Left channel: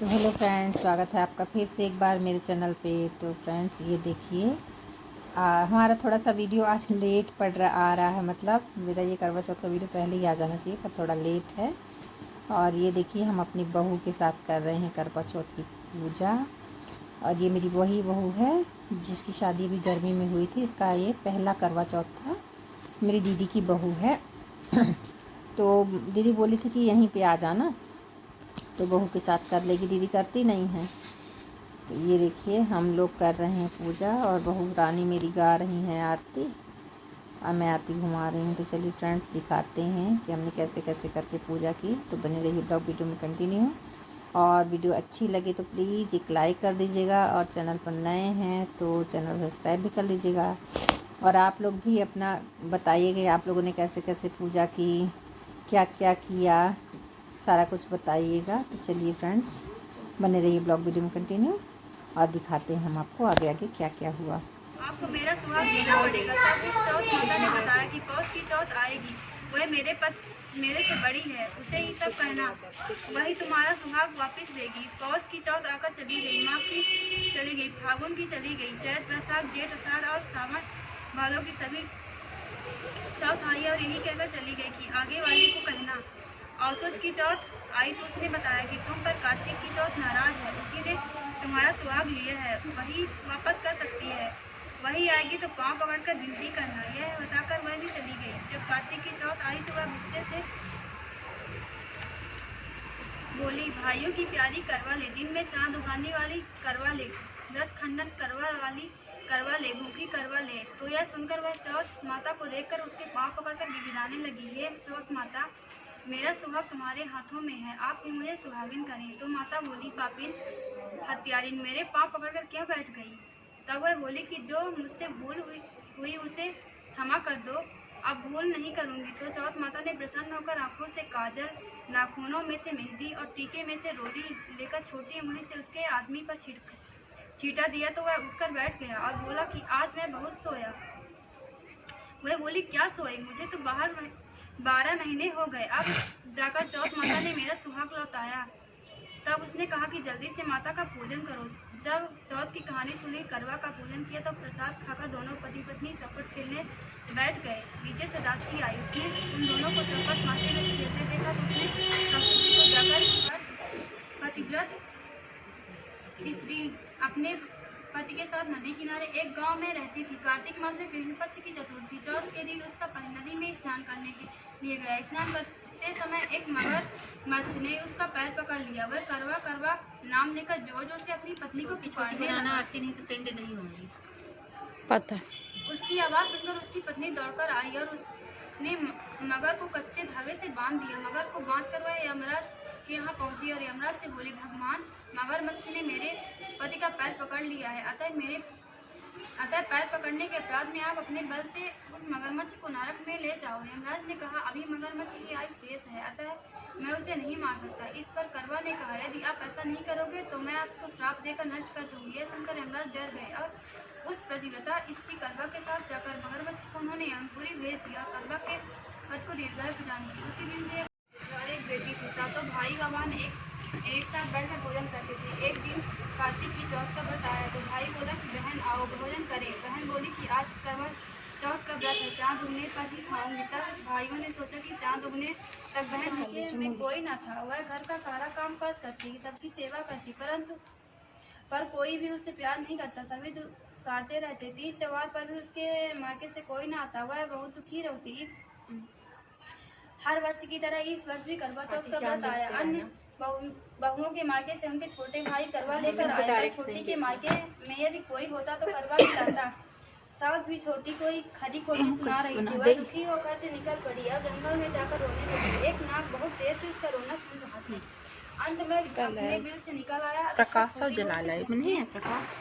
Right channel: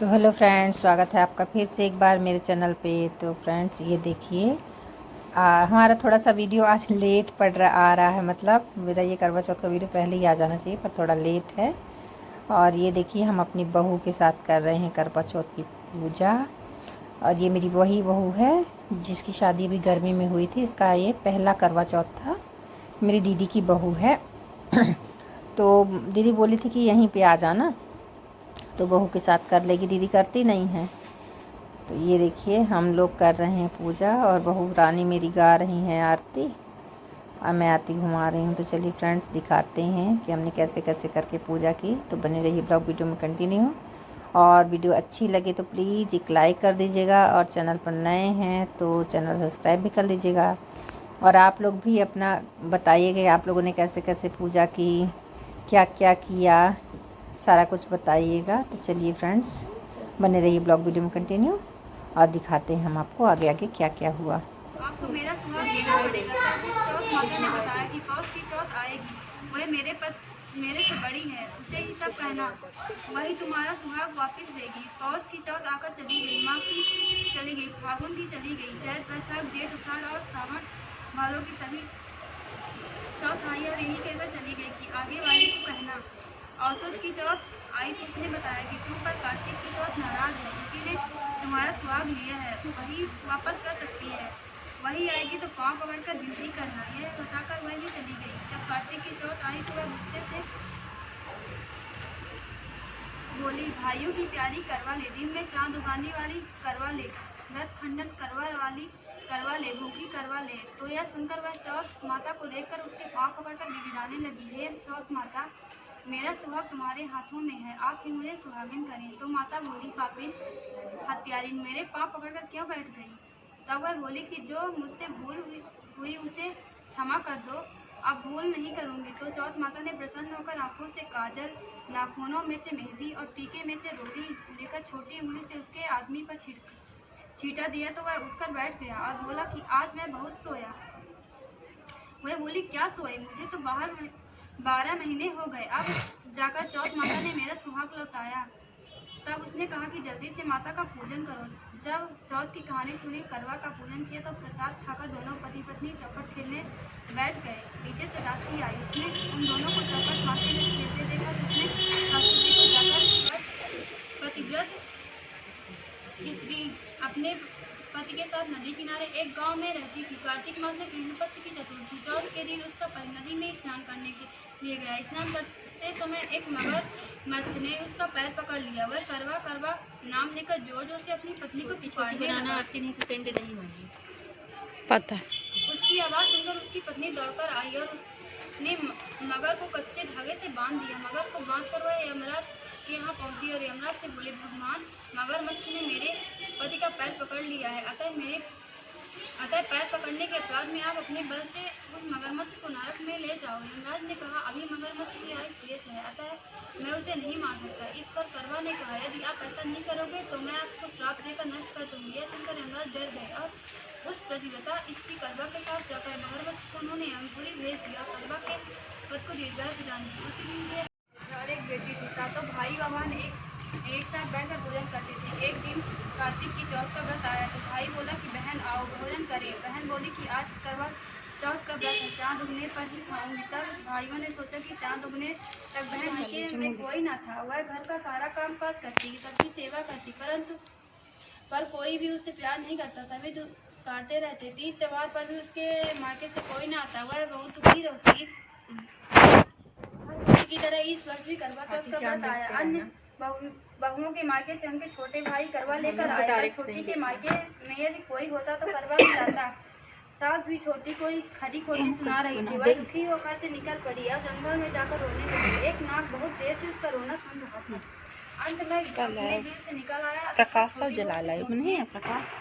तो hello friends, स्वागत है आपका फिर से एक बार मेरे चैनल पे। तो फ्रेंड्स ये देखिए, हमारा थोड़ा सा वीडियो आज लेट आ रहा है। मतलब मेरा ये करवा चौथ का वीडियो पहले ही आ जाना चाहिए, पर थोड़ा लेट है। और ये देखिए, हम अपनी बहू के साथ कर रहे हैं करवा चौथ की पूजा। और ये मेरी वही बहू है जिसकी शादी अभी गर्मी में हुई थी। इसका ये पहला करवा चौथ था। मेरी दीदी की बहू है। तो दीदी बोली थी कि यहीं पे आ जाना, तो बहू के साथ कर लेगी। दीदी करती नहीं है। तो ये देखिए, हम लोग कर रहे हैं पूजा और बहू रानी मेरी गा रही हैं आरती और मैं आरती घुमा रही हूँ। तो चलिए फ्रेंड्स, दिखाते हैं कि हमने कैसे कैसे करके पूजा की। तो बने रहिए ब्लॉग वीडियो में कंटिन्यू। और वीडियो अच्छी लगे तो प्लीज़ एक लाइक कर दीजिएगा, और चैनल पर नए हैं तो चैनल सब्सक्राइब भी कर लीजिएगा। और आप लोग भी अपना बताइएगा, आप लोगों ने कैसे कैसे पूजा की, क्या क्या किया, सारा कुछ बताइएगा। तो चलिए फ्रेंड्स, बने रहिए ब्लॉग वीडियो में कंटिन्यू और दिखाते हैं हम आपको आगे आगे क्या क्या हुआ। आपको मेरा सुहाग लेना पड़ेगा। तब उस चौथ माता ने बताया कि पौष की चौथ आएगी, वह मेरे से बड़ी है, उसे ही सब कहना, वही तुम्हारा सुहाग वापस देगी। पौष की चौथ आकर चली गई, माघ की चली गई, फागुन की चली गई, चैत वैशाख जेठ अषाढ़ और सावन भादों की सभी चौथ आई और यही कहकर चली गई कि आगे वाली को कहना। औसत की चौथ आई तो उसने बताया कि तुम पर कार्तिक की चौथ नाराज है, उसी ने तुम्हारा सुहाग लिया है, वही वापस कर सकती है। वही आएगी तो पाँव पकड़कर विनती करना। यह बताकर वह भी चली गई। जब कार्तिक की चौथ आई तो वह गुस्से से बोली, भाइयों की प्यारी करवा ले, दिन में चांद उगाने वाली करवा ले, व्रत खंडन करवा वाली करवा ले, भूखी करवा ले। तो यह सुनकर वह चौथ माता को देखकर उसके पाँव पकड़कर गिड़गिड़ाने लगी, हे चौथ माता, मेरा सुहाग तुम्हारे हाथों में है, आप ही मुझे सुहागिन करें। तो माता बोली, पापिन हत्यारिन, मेरे पाँव पकड़कर क्यों बैठ गई? तब वह बोली कि जो मुझसे भूल हुई उसे क्षमा कर दो, अब भूल नहीं करूंगी। तो चौथ माता ने प्रसन्न होकर आंखों से काजल, नाखूनों में से मेहंदी और टीके में से रोली लेकर छोटी उंगली से उसके आदमी पर छींटा दिया। तो वह उठकर बैठ गया और बोला कि आज मैं बहुत सोया। वह बोली, क्या सोए? मुझे तो 12 महीने हो गए, अब जाकर चौथ माता ने मेरा सुहाग लौटाया। तब उसने कहा कि जल्दी से माता का पूजन करो। जब चौथ की कहानी सुनी, करवा का पूजन किया, तो प्रसाद खाकर दोनों पति पत्नी चौपट खेलने बैठ गए। नीचे से दासी आई, उसने उन दोनों को चौपट मारते हुए खेलते देखा तो उसने सासू जी को जाकर पतिव्रत स्त्री अपने पति के साथ नदी किनारे एक गांव में रहती थी। कार्तिक मास में कृष्ण पक्ष की चतुर्थी चौथ के दिन उसका नदी में स्नान करने के लिए गया। स्नान करते समय एक मगरमच्छ ने उसका पैर पकड़ लिया। वह करवा करवा नाम लेकर जोर जोर से अपनी पत्नी को पुकारने लगा। आरती नहीं तो सेंट नहीं होंगी पता है। उसकी आवाज सुनकर उसकी पत्नी दौड़कर आई और उसने मगर को कच्चे धागे से बांध दिया। मगर को बांधकर वह यमराज के यहाँ पहुंची और यमराज से बोली, भगवान, मगरमच्छ ने मेरे पति का पैर पकड़ लिया है, अतः पैर पकड़ने के अपराध में आप अपने बल से उस मगरमच्छ को नरक में ले जाओ। यमराज ने कहा, अभी मगरमच्छ की आयु शेष है, अतः मैं उसे नहीं मार सकता। इस पर करवा ने कहा, यदि आप ऐसा नहीं करोगे तो मैं आपको श्राप देकर नष्ट कर दूंगी। यह सुनकर यमराज डर गए और उस प्रतिव्रता स्त्री करवा के साथ जाकर मगरमच्छ को उन्होंने यमपुरी भेज दिया। करवा के पद को दीर्घायु प्रदान की। उसी दिन के और एक बेटी थी। सातों भाई बहन एक साथ बैठकर भोजन करते थे। एक दिन कार्तिक की चौथ का व्रत आया तो भाई बोला कि बहन आओ भोजन करें। बहन बोली कि आज करवा चौथ का व्रत है, चांद उगने पर ही खाऊंगी। तब भाइयों ने सोचा कि चांद उगने तक बहन के में कोई ना था, वह घर का सारा काम काज करती, सबकी सेवा करती, पर कोई भी उससे प्यार नहीं करता। सभी काटते रहते। तीज त्योहार पर भी उसके मायके से कोई ना आता। वह बहुत दुखी रहती। हर वर्ष की तरह इस वर्ष भी करवा चौथ का व्रत आया। अन्य बहुओं के मायके से उनके छोटे भाई करवा लेकर आए, पर छोटी के मायके में यदि कोई होता तो करवा खिलाता। सास भी छोटी कोई खरी खोटी सुना रही थी। वह दुखी होकर से निकल पड़ी और जंगल में जाकर रोने लगी। एक नाग बहुत देर से उसका रोना सुन रहा था। अंत में अपने दिल से निकल आया, प्रकाश जला लाई नहीं प्रकाश।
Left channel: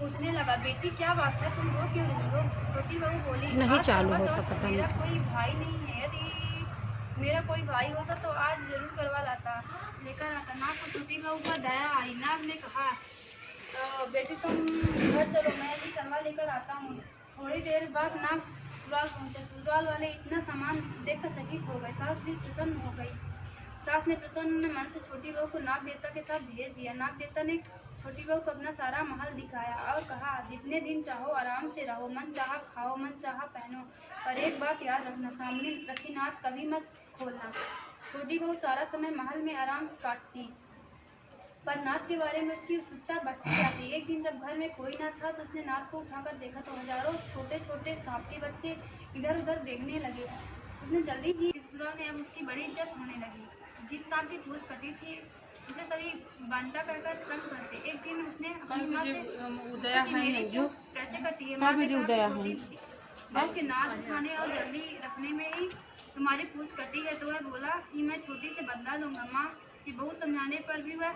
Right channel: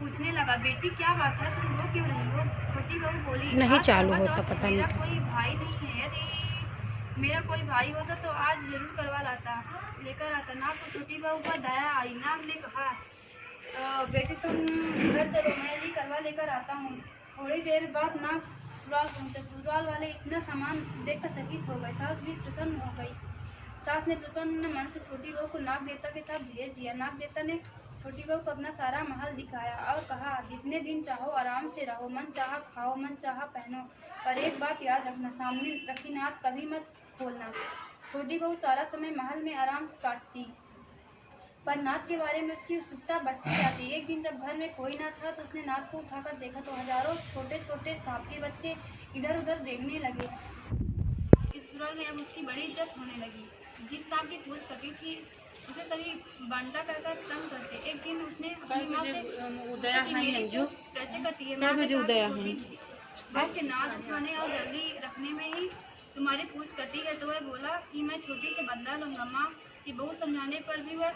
पूछने लगा, बेटी क्या बात है, तुम रो क्यों रही हो? छोटी बहू बोली, नहीं आज चालू करवा होता, चौथ पता मेरा नहीं। कोई भाई नहीं है, यदि मेरा कोई भाई होता तो आज जरूर करवा लेकर आता। नाग को छोटी बहू पर दया आई। नाग ने कहा, बेटी तुम घर चलो, मैं भी करवा लेकर आता हूँ। थोड़ी देर बाद नाग ससुराल पहुँचा। ससुराल वाले इतना सामान देखकर चकित हो गए। सास भी प्रसन्न हो गई। सास ने प्रसन्न मन से छोटी बहू को नाग देवता के साथ भेज दिया। नाग देवता ने छोटी बहू को अपना सारा महल दिखाया और कहा, जितने दिन चाहो आराम से रहो, मन चाहा खाओ, मन चाहा पहनो, पर एक बात याद रखना, सामने रखी नाथ कभी मत खोलना। छोटी बहू सारा समय महल में आराम से काटती, पर नाथ के बारे में उसकी उत्सुकता बढ़ती जाती। एक दिन जब घर में कोई ना था तो उसने नाथ को उठाकर देखा तो हजारों छोटे छोटे सांप के बच्चे इधर उधर देखने लगे। उसने जल्दी ही ससुराल में अब उसकी बड़ी इज्जत होने लगी। जिस सांप की पूंछ कटी थी उसे सभी बंटा कहकर तंग करते। एक दिन उसने अपनी माँ से पूछा कि मेरी पूंछ कैसे कटी है। माँ ने कहा कि छोटी बहू के नाथ उठाने और जल्दी रखने में ही तुम्हारी पूंछ कटी है। तो वह बोला कि मैं छोटी से बदला लूंगा। माँ की बहू समझाने पर भी वह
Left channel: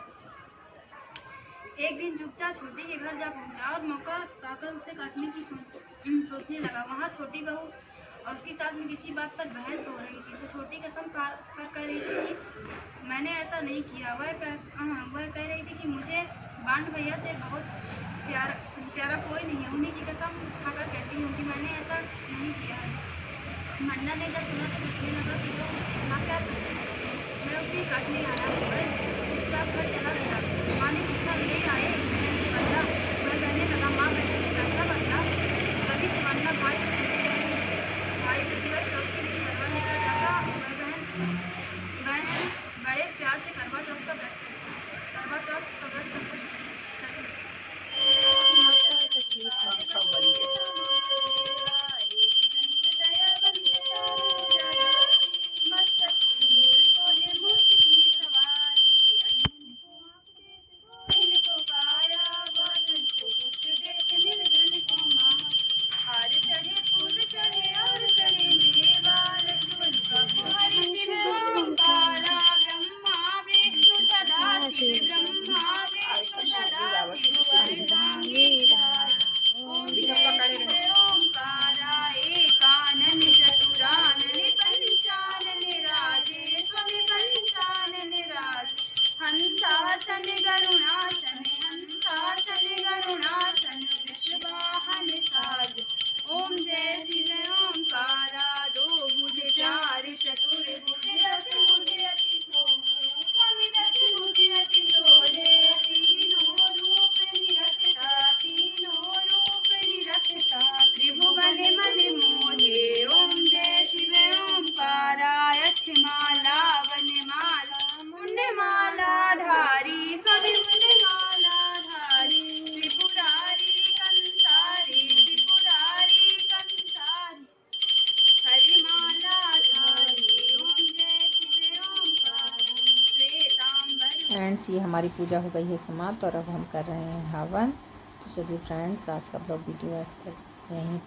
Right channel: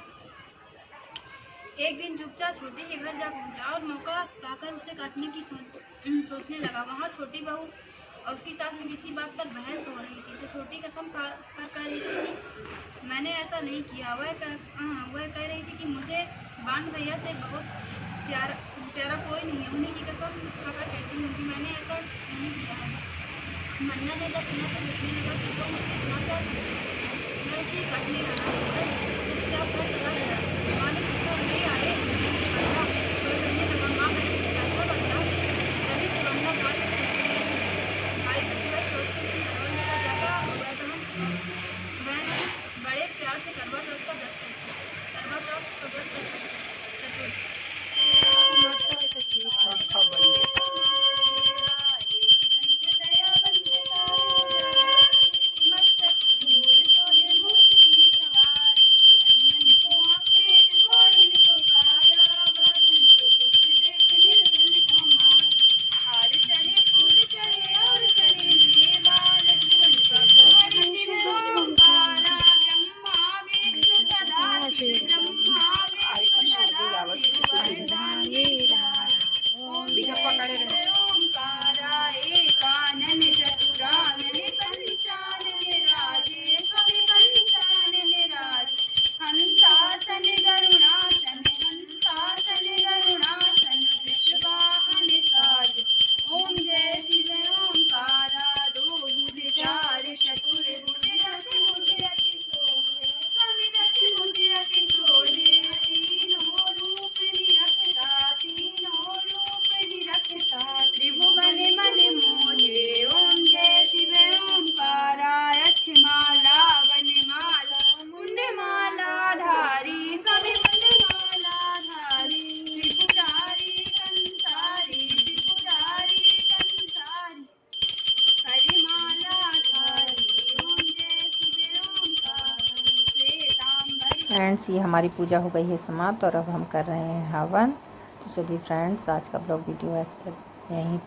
एक दिन चुपचाप छोटी के घर जा पहुंचा और मौका पाकर उसे काटने की सोचने लगा। वहाँ छोटी बहू और उसकी सास में किसी बात पर बहस हो रही थी। तो छोटी कसम कर रही थी कि मैंने ऐसा नहीं किया। वह कह रही थी कि मुझे बांड भैया से बहुत प्यारा कोई नहीं है, उन्हीं की कसम खाकर कहती हूँ कि मैंने ऐसा नहीं किया है। मन्ना ने जब सुना तो लिखने लगा कि वो मुझसे इतना प्यार करती है, मैं उसे काटने आया हूँ। वह चुपचाप घर चला गया। माँ ने पूछा, ले आए कैसे बदला? वह कहने लगा, माँ मैंने कैसा बदला? तभी से बंदा भाई प्रतिभा चौथ के दिन करवा लेकर जाता और वह बहन बड़े प्यार से करवा चौथ का व्रत करती। हंसासन गरुणासन वृषवाहन साज। ओम जय शिव ओंकारा, दो भुज चार चतुर भुज रति भुज अति शोभे, समित भुज अति शोभे, तीनों रूप निरखता त्रिभुवन मन मोहे। ओम जय शिव ओंकारा, यक्षमाला वनमाला मुंडमाला धारी, स्वामी मुंडमाला धारी, त्रिपुरारी कंसारी हरिमाला धारी। ओम जय शिव ओंकारा, श्वेतांबर। फ्रेंड्स, ये हमारी पूजा हो गई है समाप्त और अब हम कर रहे हैं हवन। तो चलिए फ्रेंड्स, आज का ब्लॉग वीडियो ऐसे यहीं